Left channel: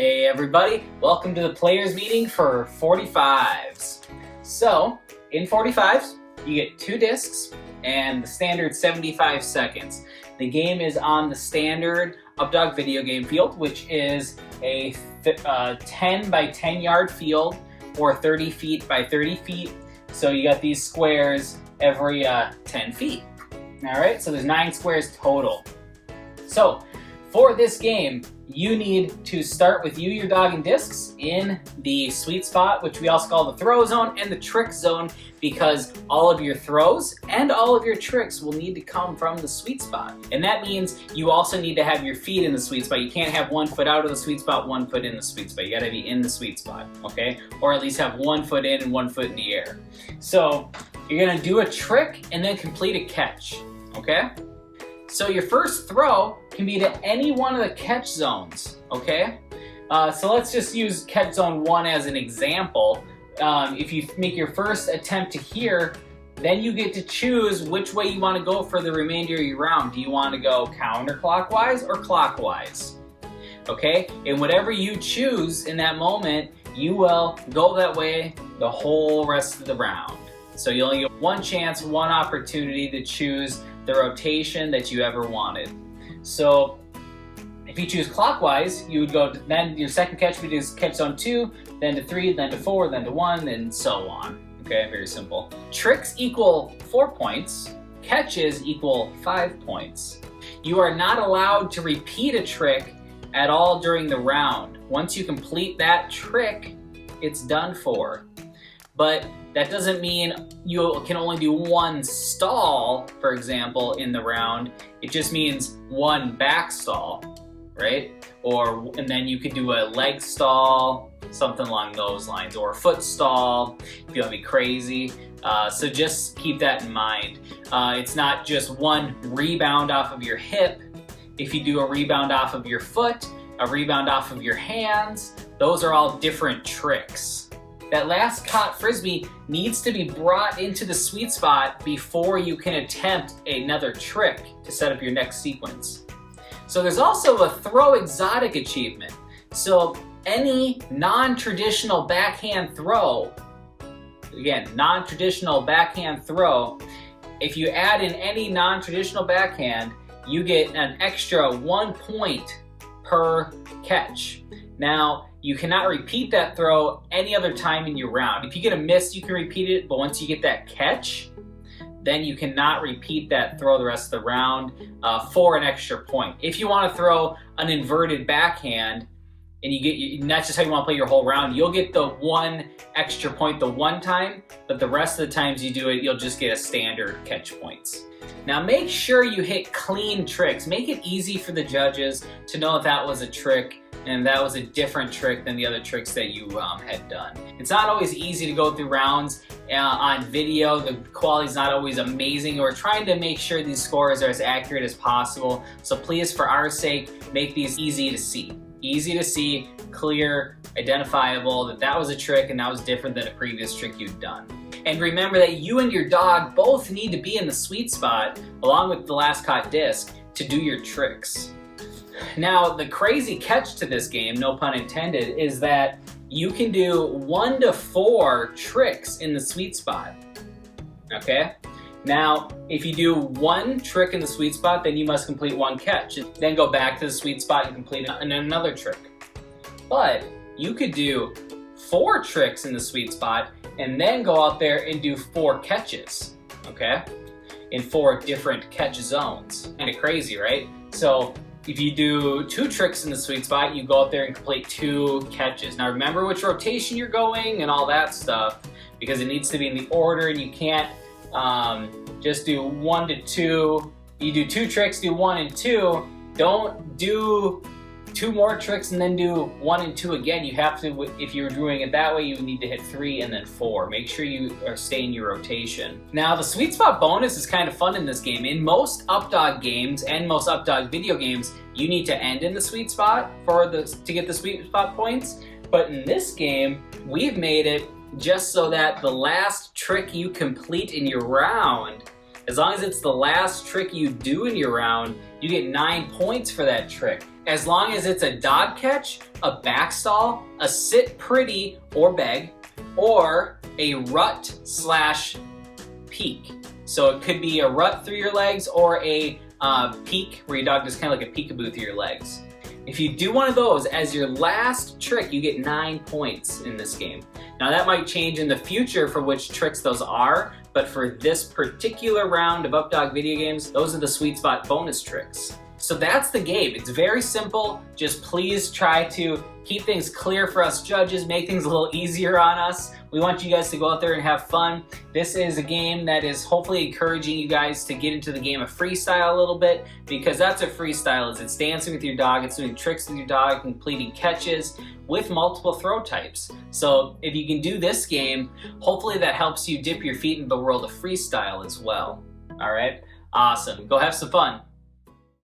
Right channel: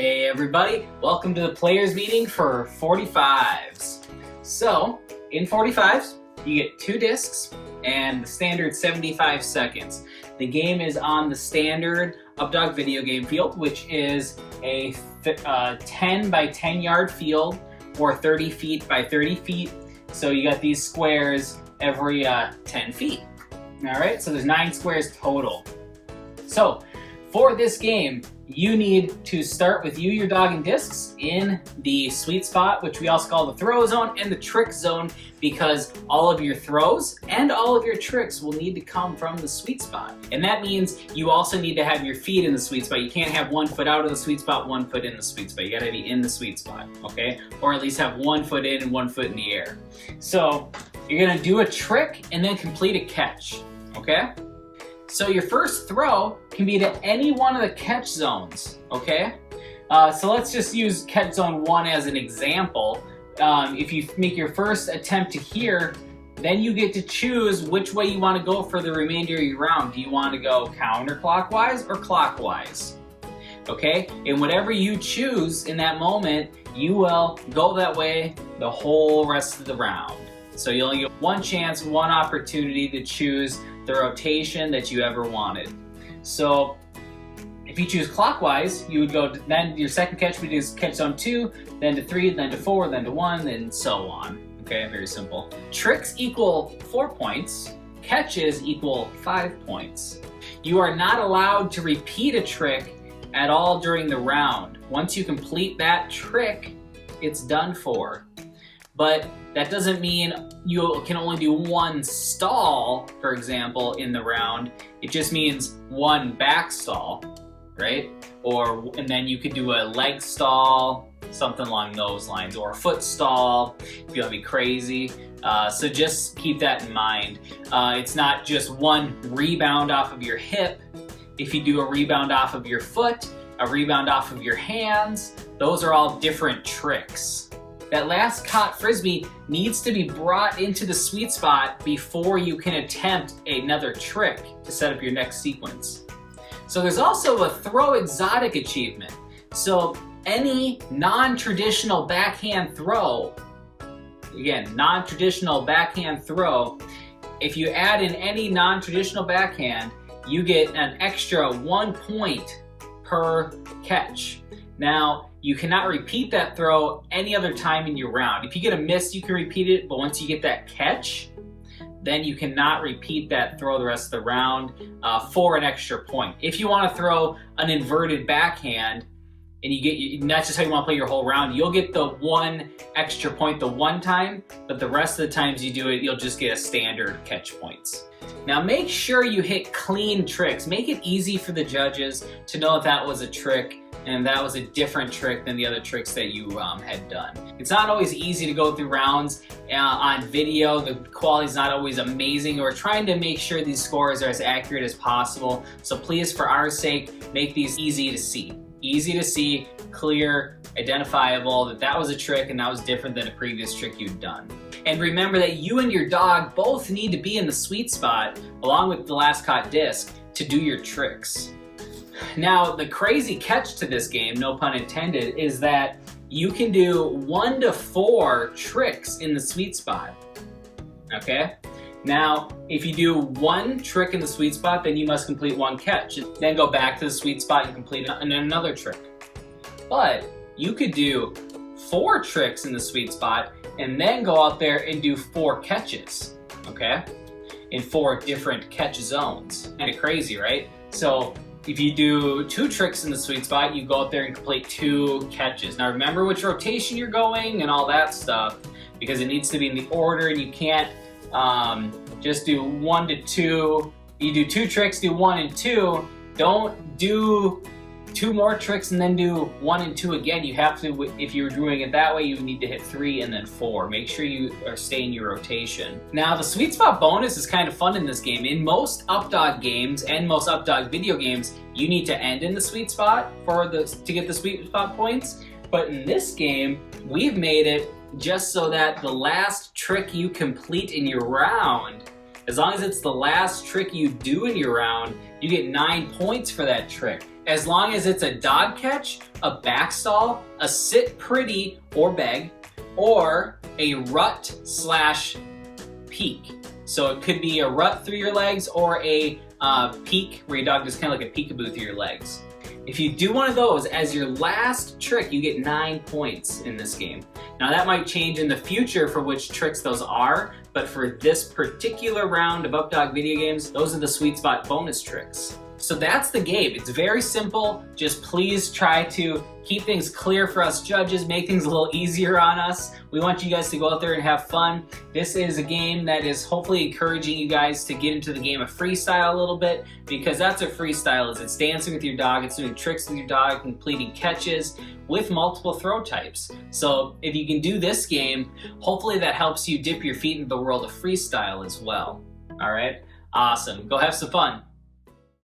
Hey everybody, welcome to the players meeting for 45's. So, in 45's, you get 2 discs and the standard 75 seconds. The game is on the standard UpDog video game field, which is a 10 by 10 yard field or 30 feet by 30 feet. So you got these squares every 10 feet. All right, so there's 9 squares total. So, for this game, you need to start with you, your dog, and discs in the sweet spot, which we also call the throw zone and the trick zone, because all of your throws and all of your tricks will need to come from the sweet spot. And that means you also need to have your feet in the sweet spot. You can't have 1 foot out of the sweet spot, 1 foot in the sweet spot. You gotta be in the sweet spot, okay? Or at least have 1 foot in and 1 foot in the air. So you're gonna do a trick and then complete a catch, okay? So your first throw can be to any one of the catch zones, okay? So let's just use catch zone 1 as an example. If you make your first attempt to here, then you get to choose which way you want to go for the remainder of your round. Do you want to go counterclockwise or clockwise? Okay, and whatever you choose in that moment, you will go that way the whole rest of the round. So you only get one chance, one opportunity to choose the rotation that you ever wanted. So if you choose clockwise, you would go, then your second catch would be catch zone 2, then to 3, then to 4, then to 1, and so on. Okay, very simple. Tricks equal 4 points, catches equal 5 points. You are not allowed to repeat a trick at all during the round. Once you complete that trick, it's done for. But that doesn't mean you can only do 1 stall, for example, in the round. It just means 1 back stall, right? And then you could do a leg stall, something along those lines, or a foot stall if you want to be crazy. So just keep that in mind. It's not just 1 rebound off of your hip. If you do a rebound off of your foot, a rebound off of your hands, those are all different tricks. That last caught frisbee needs to be brought into the sweet spot before you can attempt another trick to set up your next sequence. So there's also a throw exotic achievement. So any non-traditional backhand throw, again, non-traditional backhand throw, if you add in any non-traditional backhand, you get an extra 1 point per catch. Now, you cannot repeat that throw any other time in your round. If you get a miss, you can repeat it, but once you get that catch, then you cannot repeat that throw the rest of the round for an extra point. If you want to throw an inverted backhand, and that's just how you want to play your whole round, you'll get the 1 extra point the one time, but the rest of the times you do it, you'll just get a standard catch points. Now make sure you hit clean tricks. Make it easy for the judges to know if that was a trick and that was a different trick than the other tricks that you had done. It's not always easy to go through rounds on video. The quality's not always amazing. We're trying to make sure these scores are as accurate as possible. So please, for our sake, make these easy to see. Easy to see, clear, identifiable, that was a trick and that was different than a previous trick you've done. And remember that you and your dog both need to be in the sweet spot, along with the last caught disc, to do your tricks. Now, the crazy catch to this game, no pun intended, is that you can do 1 to 4 tricks in the sweet spot, okay? Now, if you do 1 trick in the sweet spot, then you must complete 1 catch, and then go back to the sweet spot and complete another trick. But you could do 4 tricks in the sweet spot, and then go out there and do 4 catches, okay? In 4 different catch zones. Kind of crazy, right? So if you do 2 tricks in the sweet spot, you go up there and complete 2 catches. Now remember which rotation you're going and all that stuff, because it needs to be in the order, and you can't just do 1 to 2. You do 2 tricks, do 1 and 2. Don't do 2 more tricks and then do 1 and 2 again. You have to, if you were doing it that way, you need to hit 3 and then 4. Make sure you are staying in your rotation. Now, the sweet spot bonus is kind of fun in this game. In most UpDog games and most UpDog video games, you need to end in the sweet spot to get the sweet spot points. But in this game, we've made it just so that the last trick you complete in your round, as long as it's the last trick you do in your round, you get 9 points for that trick. as long as it's a dog catch, a back stall, a sit pretty or beg, or a rut slash peek. So it could be a rut through your legs or a peek where your dog does kind of like a peekaboo through your legs. If you do one of those as your last trick, you get 9 points in this game. Now that might change in the future for which tricks those are, but for this particular round of UpDog video games, those are the sweet spot bonus tricks. So that's the game. It's very simple. Just please try to keep things clear for us judges, make things a little easier on us. We want you guys to go out there and have fun. This is a game that is hopefully encouraging you guys to get into the game of freestyle a little bit, because that's what freestyle is. It's dancing with your dog, it's doing tricks with your dog, completing catches with multiple throw types. So if you can do this game, hopefully that helps you dip your feet into the world of freestyle as well. All right, awesome. Go have some fun.